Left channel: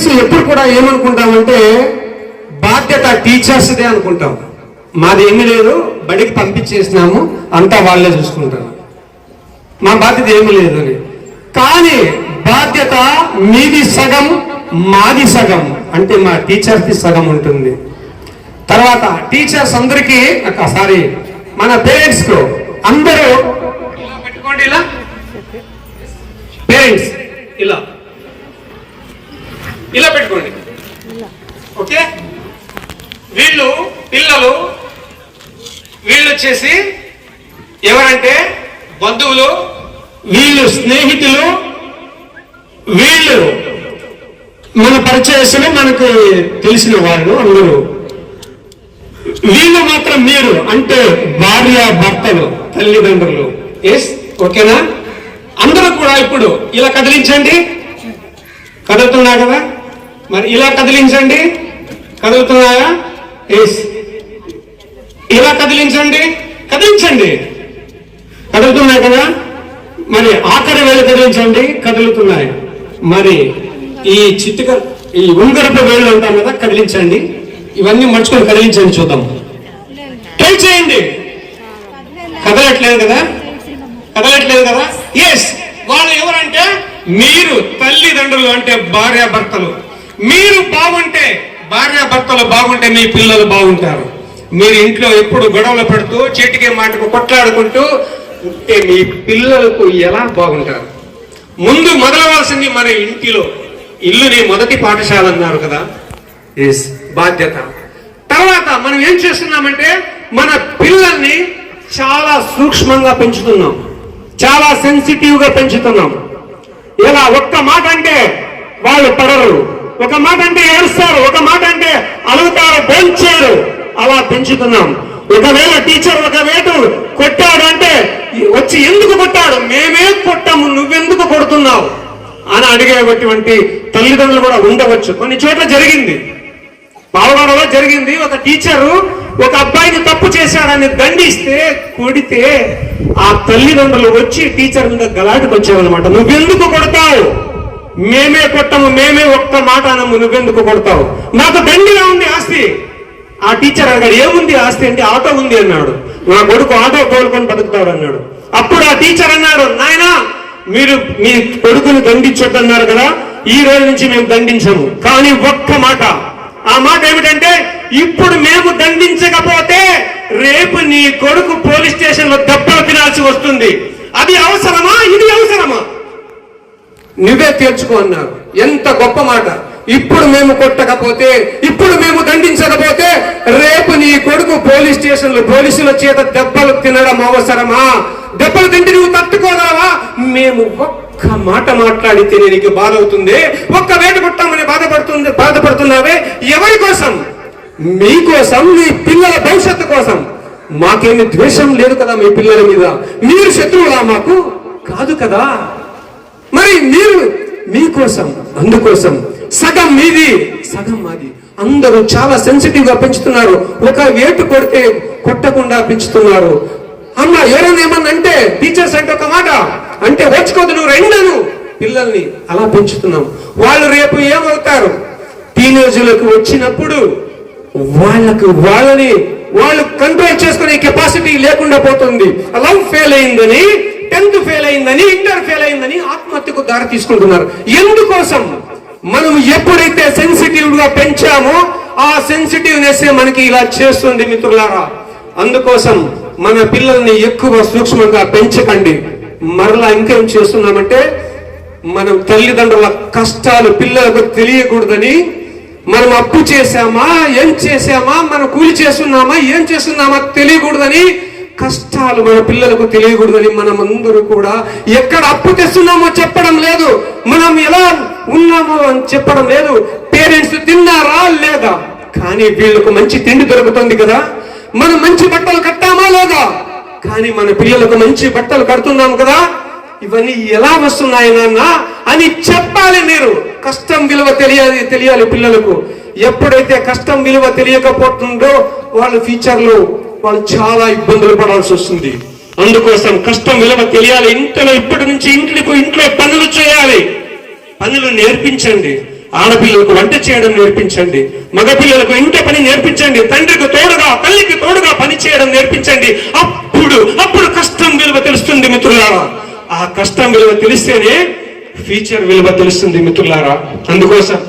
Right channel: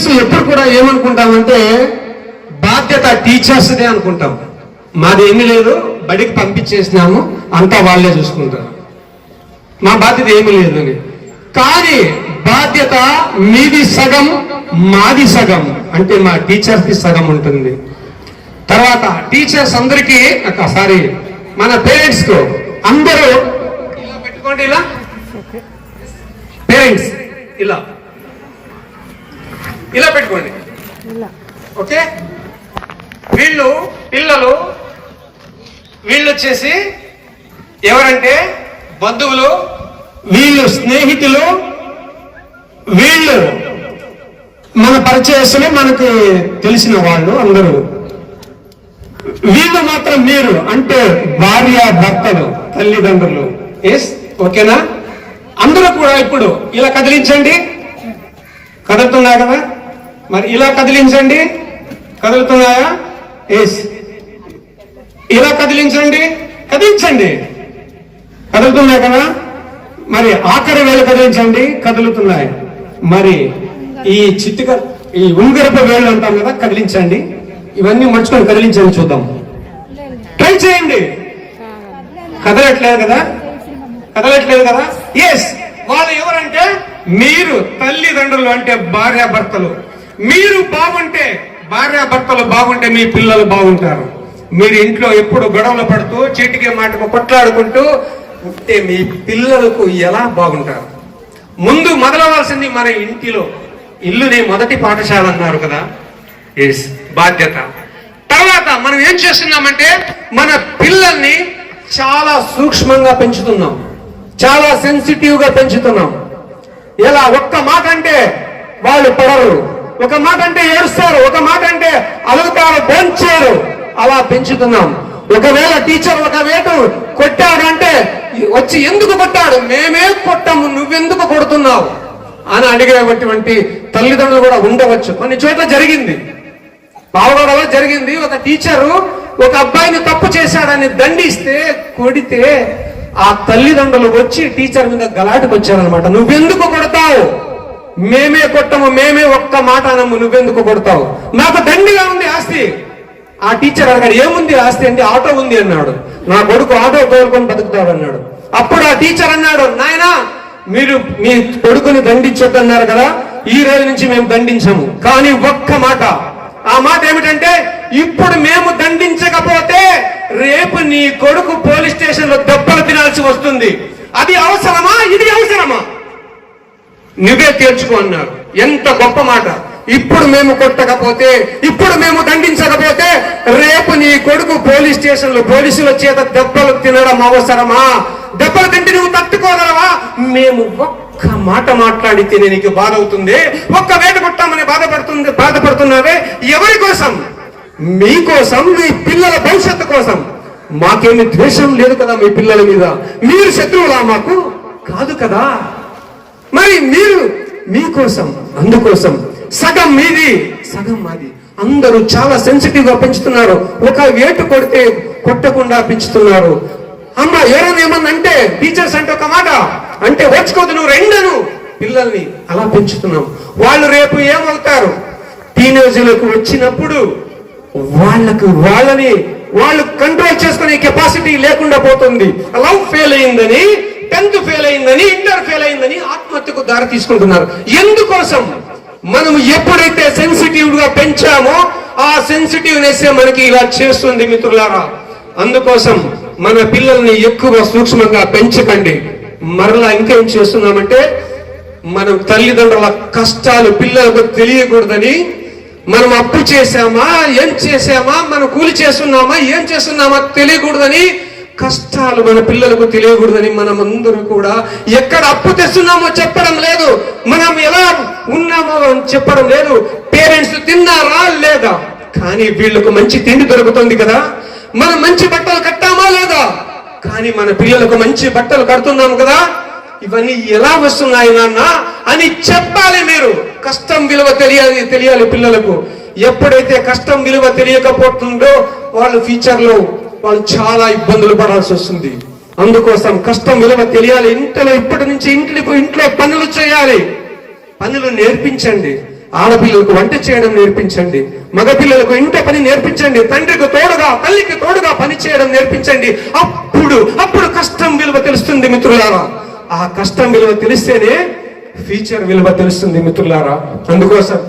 Parents ఎప్పుడు కూడా ఏమనుకుంటామంటే బాధ్యత టీచర్స్దే అనుకుంటాం. మాది ఏమీ లేదు, బడికి పంపించేసినాము, అంతా వాళ్ళే చూసుకుంటారు, మా బాధ్యత ఏమీ లేదు అని. కానీ బాధ్యత మీది సగం, మాది సగం, అంటే మా టీచర్స్ది సగం ఉంటుంది. తర్వాత టీచర్స్ అందరికీ సారీ మన పేరెంట్స్ కు అందరూ ఇలా పెట్టుకోండి, ఇలా పేరెంట్స్ ఇలా ఇలా పెట్టుకోండి. ఓకే, వీళ్ళు పిల్లలు, వీళ్ళు వచ్చేసి ఎవరంటే బంధువులు, వీళ్ళు స్నేహితులు, వీళ్ళు మన పరిచయస్తులు, మనకు తెలిసిన వాళ్ళు అందరూ. వీళ్ళు మాత్రం మీరు అంటే భార్య భర్తలు, తల్లిదండ్రులు. ఎస్, ఓకేనా? అందరూ కూడా ఇప్పుడు ఇలా కదిలించండి. కదులుతున్నా కదా? మరి ఇలా కదిలించండి. కదులుతున్నాయా? ఎస్. ఇలా కదిలించండి, కదిలించండి. కదులుతున్నాయి కదా? మరి ఆఖరి వేలు కదిలించండి, కదులుతున్నాయి. మరి ఈ చిత్తుక, ఈ ఉంగరపు వేళ్ళు అంటాం కదా, కదిలించండి. ఇవన్నీ మర్చుకొని కదిలించండి, చూద్దాం. ట్రై చేయండి. కదలట్లేదు కదా? కదలట్లేదు కదా? ఎస్. వాళ్ళు ఎవరంటే మీరు తల్లిదండ్రులు, అంటే భార్యాభర్తలు. మీరు బాగుంటే, భార్యాభర్తలు బాగుంటే మీ పిల్లలు బాగుంటారు. మీరు ఇంట్లో ఎప్పుడు గొడవలు పడుతూ చీటికే మాటకు కొట్లాడుకుంటూ ఉంటే మీ పిల్లలకు ఎలా బాగుంటారు? ముందు మొదలవలసింది మన ఇంటిలో. ఇల్లుని మొదటి పాఠశాల అన్నారు కదా. ఎస్, బాధ్యత. తర్వాత మనం ఏం చేస్తున్నామంటే మన పిల్లల్ని చాలా సూక్ష్మంగా పెంచుతున్నాం, చాలా సెన్సిటివ్ గా పెంచుతున్నాం. ఇలా ఒక్క మాట అంటే వాళ్ళు పడరు, ఒక మాట అంటే ఏడుస్తారు, ఒక మాట అంటే అలుగుతారు, బెంచేరు. అలా పెంచుతున్నాం. ఒకవేళ టీచర్ ఒక వేటు కొట్టాడు అంటే వచ్చి ఎందుకు కొట్టాడు, మేమే కొట్టాము, నువ్వెందుకు కొడుతున్నావు అని అడిగేటువంటి తల్లిదండ్రులు కూడా ఉండవచ్చు. కొన్ని చోట్ల జరిగింది, పాల్గొనలో జరిగింది. ఒక టీచరు ఒక అబ్బాయిని తప్పు చేశాడని దండిస్తే, కొడితే ఆ తల్లిదండ్రులు వచ్చి టీచర్ మీద గలాటకు వచ్చారనమాట. నువ్వెందుకు కొడతావు, మేమే కొట్టము, మేమే ఒక్క మాట అనము, నువ్వెందుకు కొడతావు, నాకు దండిగా ఉంది ఆస్తి. ఆ టీచర్ అన్నాడు, ఏముంది ఆస్తి అంటే ఆటో ఉంది అన్నాడు. నా కొడుకు ఆటో కోలుకొని బతుకుతాడు అన్నాడు. అప్పుడు ఆ టీచర్ అన్నాడు, నాయనా మీరు మీ కొడుకుని దండించొద్దన్నారు కదా, ఈ రోజు నుంచి మేము దండించము. కానీ ఒక్క మాట, ఆ మాట ఏమిటంటే ఇప్పుడు మేము దండించకపోతే రేపు నీ కొడుకు పోలీస్ స్టేషన్ లో దెబ్బలు తినాల్సి వస్తుంది. అది అవసరమా, ఇది అవసరమా, నువ్వే తీర్చుకో అన్నారు. ఎంత గొప్ప మాట. ఇప్పుడు మేము కొట్టకపోతే, ఇప్పుడు మేము దండించకపోతే రేపు నీ కొడుకు పోలీస్ స్టేషన్ లో పోలీసుల చేత దెబ్బలు తినడం అవసరమా? దెబ్బలు తింటే నువ్వు తట్టుకోగలవా? మేము ఒక్క మాట మాట్లాడితే నీకు బాధ అవుతుంది, ఒక్క వేట కొట్టామని బాధపడుతున్నావే. ఎవరి కోసం? మీకోసం, మీ పిల్లల భవిష్యత్తు కోసం. మాకేమి ద్వేషం లేదు కదా మీ పిల్లల మీద. మీరు శత్రువులా మాకు? కాదు కదా. మరి మీరు మీకోసం, అందుకోసం సగం మీది, సగం మాది. అందరూ చాలా సెన్సిటివ్ గా పెంచుతున్నారు. ఒక వేటు కొడితే కొట్టకుండా పెంచుతున్నారు. అమ్మ ఎవరైనా ఏమన్నంటే టీచర్స్ అంటే ఒక మాట అంటే వచ్చుకోదు, నువ్వు రెండను పిల్లల్ని అలా పెంచుతున్నాం. వాళ్ళు రేపు ఏమవుతారు? టీనేజీలకు వచ్చినప్పుడు వాళ్ళని వాళ్ళు కంట్రోల్ చేసుకునే కెపాసిటీ లేకుండా పోతుంది. లవ్ ఫెయిల్ అయిందని, 10th ఫెయిల్ అయిందని, ఇంటర్ ఫెయిల్ అయిందని ఆత్మహత్యకు దారి తీసుకుంటున్నారు. ఎందుకోసం? మనం ఎప్పుడైతే సెన్సిటివ్ గా పెంచామో ఆ సెన్సిటివ్నెస్ మనకి ఇలా చేస్తుంది మిత్రులారా. అందుకోసం మన పిల్లల్ని ఎక్కువ సూక్ష్మంగా పెంచకండి. మరలా ఇంకేం చేస్తున్నామంటే మనం తల్లిదండ్రుల కష్టాలు పిల్లలకు తెలియకూడదని, మనం అప్పు చేశామా, ఏం చేశామా, మనం కూలి చేస్తున్నామా, ఏం చేస్తున్నామా తెలియకూడదని, కష్టాలు మన పిల్లలకు తెలియకూడదని మనం అందరూ కూడా ఎక్కడ అప్పు తెస్తున్నామో చెప్పడం లేదు, మనం ఎలా ఉన్నామో అని చెప్పడం లేదు. పేరెంట్స్ తిన్నారా లేదా, కానీ వీళ్ళకు మంచి తిండి దొరుకుతుంది కదా, మనం మంచి బట్టలు కట్టామా లేదా, కానీ మన పిల్లలకు మంచి బట్టలు కడుతున్నాం కదా, ఇవన్నీ ఎలా వస్తున్నాయి నాన్న అని చెప్పాలి. మీరు కష్టం విలువ తెలియాలి పిల్లలకు. ఎప్పుడైతే కష్టం విలువ తెలియకపోతుందో వాళ్ళు ఫ్యూచర్ లో వాళ్ళు చాలా ఇబ్బందులు పడాల్సి వస్తుంది. అందుకోసం కష్టం విలువ తెలియాలి. ఇంట్లో ఇప్పటి నుంచి ఇంట్లో పనులు చేయాలి, పనులు నేర్పించండి. ఆడపిల్లలకు వంట చేయడం నేర్పించండి, మగపిల్లలకు ఇంట పని నేర్పించండి, తండ్రికి తోడుగా తల్లికి తోడుగా పని చేయడం నేర్పించండి. అప్పుడు కష్టం విలువ తెలుస్తుంది మిత్రులారా. ఆ కష్టం విలువ తెలిస్తేనే ఫ్యూచర్ విలువ తెలుస్తుంది మిత్రులారా. అందుకోసం